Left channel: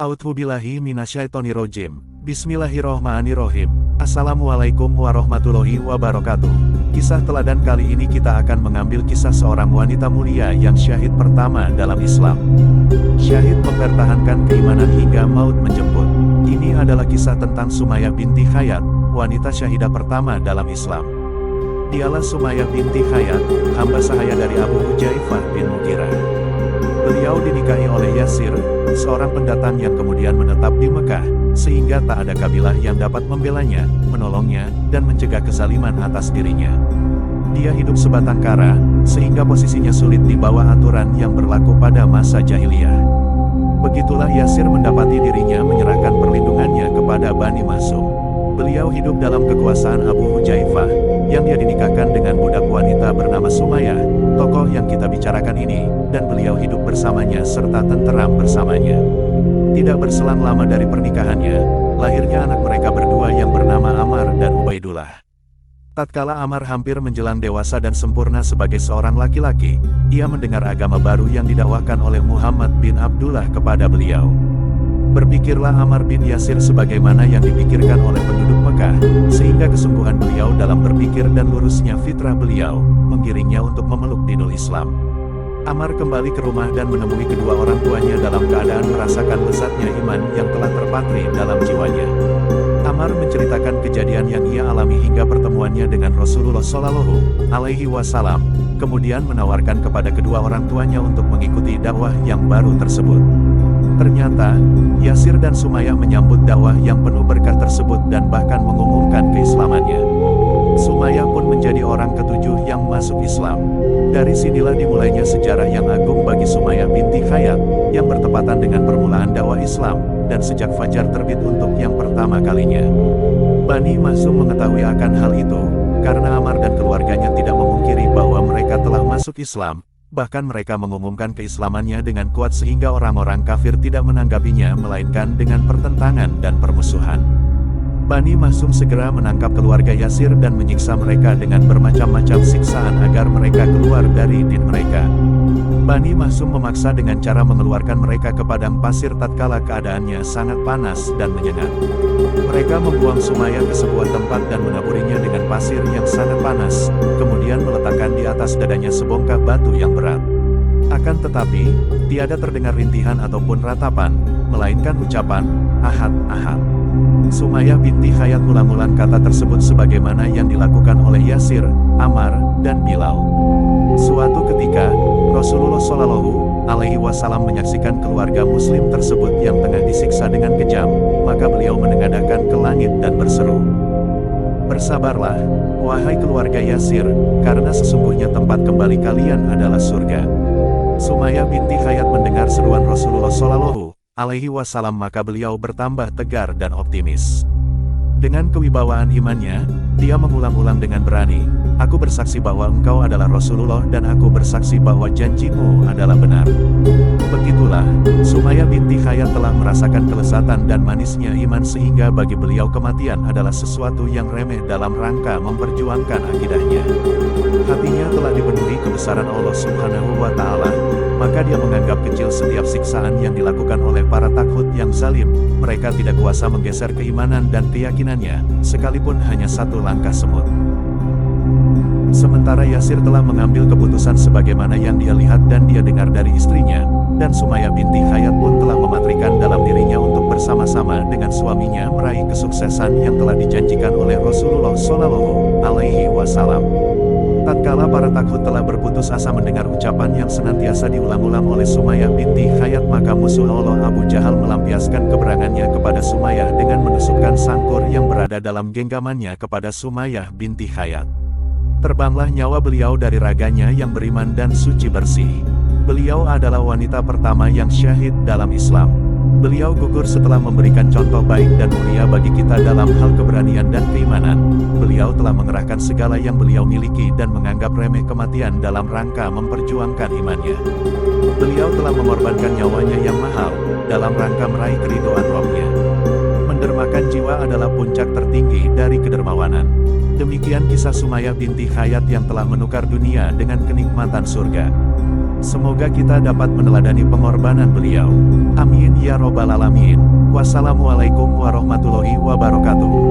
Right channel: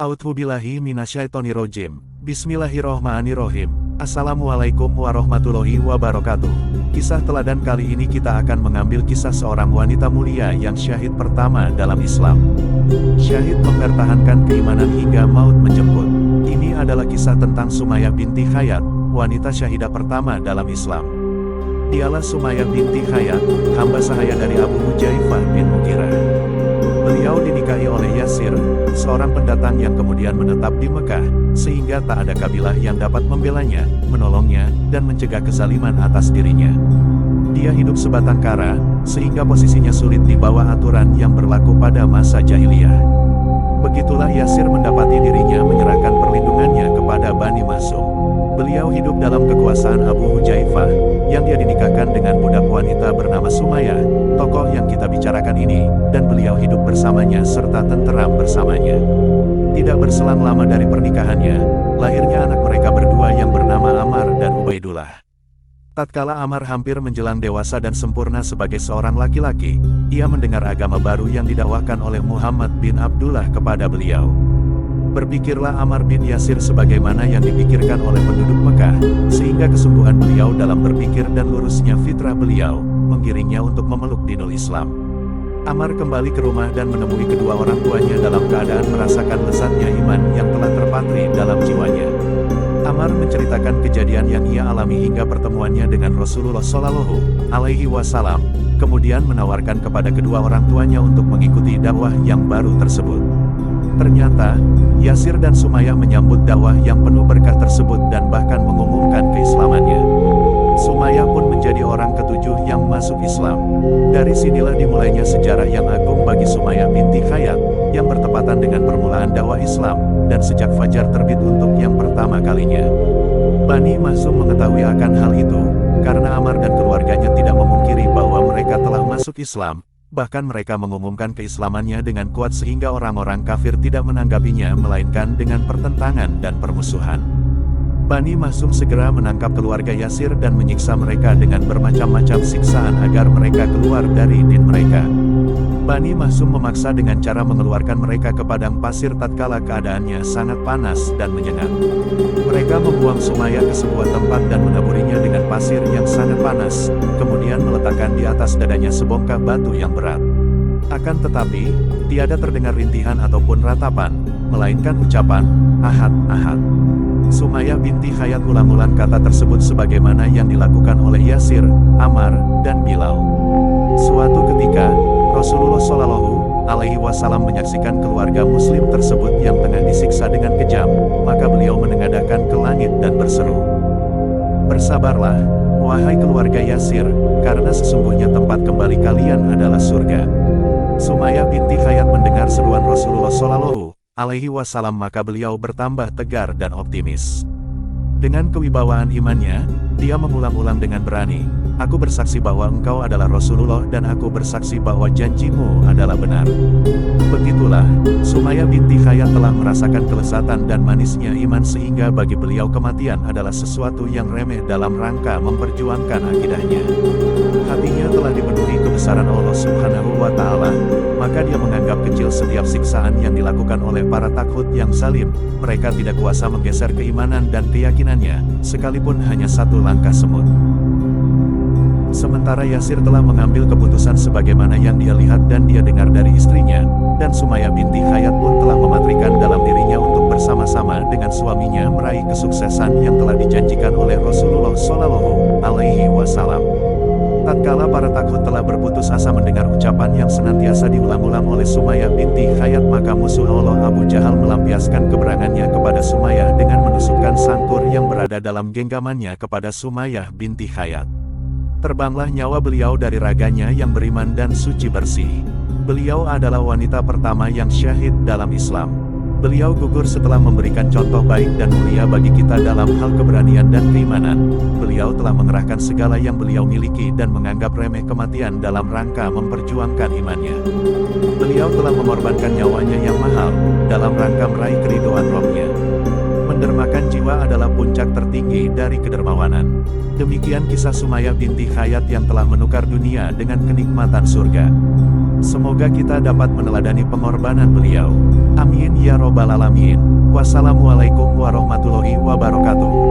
A'udzubillahi minasyaitonirrajim. Bismillahirrohmanirrohim. Assalamualaikum warahmatullahi wabarakatuh. Kisah teladan kali ini kita akan mengambil kisah seorang wanita mulia yang syahid pertama dalam Islam. Syahid mempertahankan keimanan hingga maut menjemput. Ini adalah kisah tentang Sumayyah binti Khayyat, wanita syahidah pertama dalam Islam. Dialah Sumayyah binti Khayyat, hamba sahaya dari Abu Hujaifah bin Mughirah. Beliau dinikahi oleh Yasir, seorang pendatang yang kemudian menetap di Mekah, sehingga tak ada kabilah yang dapat membelanya, menolongnya, dan mencegah kezaliman atas dirinya. Dia hidup sebatang kara, sehingga posisinya sulit di bawah aturan yang berlaku pada masa jahiliyah. Begitulah Yasir mendapati dirinya menyerahkan perlindungannya kepada Bani Makhzum. Beliau hidup dalam kekuasaan Abu Hujaifah, yang dia dinikahkan dengan budak wanita bernama Sumayyah, tokoh yang kita bicarakan ini, dan beliau hidup bersamanya serta tenteram bersamanya. Tidak berselang lama dari pernikahannya, lahirnya anak mereka berdua yang bernama Ammar dan Ubaidullah. Tatkala Ammar hampir menjelang dewasa dan sempurna sebagai seorang laki-laki, ia mendengar agama baru yang didakwakan oleh Muhammad bin Abdullah kepada beliau. Berpikirlah Ammar bin Yasir sebagaimana yang dipikirkan oleh penduduk Mekah, sehingga kesungguhan beliau dalam berpikir dan lurusnya fitrah beliau, menggiringnya untuk memeluk dinul Islam. Ammar kembali ke rumah dan menemui kedua orang tuanya dalam keadaan merasakan lezatnya iman yang telah terpatri dalam jiwanya. Ammar menceritakan kejadian yang ia alami hingga pertemuannya dengan Rasulullah Shallallahu Alaihi Wasallam, kemudian menawarkan kepada kedua orang tuanya untuk mengikuti dakwah yang baru tersebut. Ternyata, Yasir dan Sumayyah menyambut dakwah yang penuh berkah tersebut dan bahkan mengumumkan keislamannya. Sumayyah pun menjadi orang ketujuh yang masuk Islam. Dari sinilah dimulainya sejarah yang agung bagi Sumayyah binti Khayyat, yang bertepatan dengan permulaan dakwah Islam, dan sejak fajar terbit untuk yang pertama kalinya. Bani Makhzum mengetahui akan hal itu, karena Ammar dan keluarganya tidak memungkiri bahwa mereka telah masuk Islam. Bahkan mereka mengumumkan keislamannya dengan kuat sehingga orang-orang kafir tidak menanggapinya melainkan dengan pertentangan dan permusuhan. Bani Makhzum segera menangkap keluarga Yasir dan menyiksa mereka dengan bermacam-macam siksaan agar mereka keluar dari din mereka. Bani Makhzum memaksa dengan cara mengeluarkan mereka ke padang pasir tatkala keadaannya sangat panas dan menyengat. Mereka membuang Sumayyah ke sebuah tempat dan menaburinya dengan pasir yang sangat panas, kemudian meletakkan di atas dadanya sebongkah batu yang berat. Akan tetapi, tiada terdengar rintihan ataupun ratapan, melainkan ucapan, "Ahad, Ahad." Sumayyah binti Khayyat ulang-ulang kata tersebut sebagaimana yang dilakukan oleh Yasir, Ammar, dan Bilal. Suatu ketika, Rasulullah Shallallahu Alaihi Wasallam menyaksikan keluarga Muslim tersebut yang tengah disiksa dengan kejam, maka beliau menengadahkan ke langit dan berseru, "Bersabarlah, wahai keluarga Yasir, karena sesungguhnya tempat kembali kalian adalah surga." Sumayyah binti Khayyat mendengar seruan Rasulullah Shallallahu Alaihi Wasallam, maka beliau bertambah tegar dan optimis. Dengan kewibawaan imannya, dia mengulang-ulang dengan berani, "Aku bersaksi bahwa engkau adalah Rasulullah dan aku bersaksi bahwa janjimu adalah benar." Begitulah, Sumayyah binti Khayyat telah merasakan kelezatan dan manisnya iman sehingga bagi beliau kematian adalah sesuatu yang remeh dalam rangka memperjuangkan akidahnya. Hatinya telah dipenuhi kebesaran Allah Subhanahu wa Ta'ala, maka dia menganggap kecil setiap siksaan yang dilakukan oleh para taghut yang zalim. Mereka tidak kuasa menggeser keimanan dan keyakinannya, sekalipun hanya satu langkah semut. Sementara Yasir telah mengambil keputusan sebagaimana yang dia lihat dan dia dengar dari istrinya, dan Sumayyah binti Khayyat pun telah mematrikan dalam dirinya untuk bersama-sama dengan suaminya meraih kesuksesan yang telah dijanjikan oleh Rasulullah Shallallahu Alaihi Wasallam. Tatkala para taghut telah berputus asa mendengar ucapan yang senantiasa diulang-ulang oleh Sumayyah binti Khayyat, maka musuh Allah Abu Jahal melampiaskan keberangannya kepada Sumayyah dengan menusukkan sangkur yang berada dalam genggamannya kepada Sumayyah binti Khayyat. Terbanglah nyawa beliau dari raganya yang beriman dan suci bersih. Beliau adalah wanita pertama yang syahid dalam Islam. Beliau gugur setelah memberikan contoh baik dan mulia bagi kita dalam hal keberanian dan keimanan. Beliau telah mengerahkan segala yang beliau miliki dan menganggap remeh kematian dalam rangka memperjuangkan imannya. Beliau telah mengorbankan nyawanya yang mahal, dalam rangka meraih keridhaan Rabb-Nya. Mendermakan jiwa adalah puncak tertinggi dari kedermawanan. Demikian kisah Sumayyah binti Khayyat yang telah menukar dunia dengan kenikmatan surga. Semoga kita dapat meneladani pengorbanan beliau. Amin ya robbal alamin. Wassalamualaikum warahmatullahi wabarakatuh.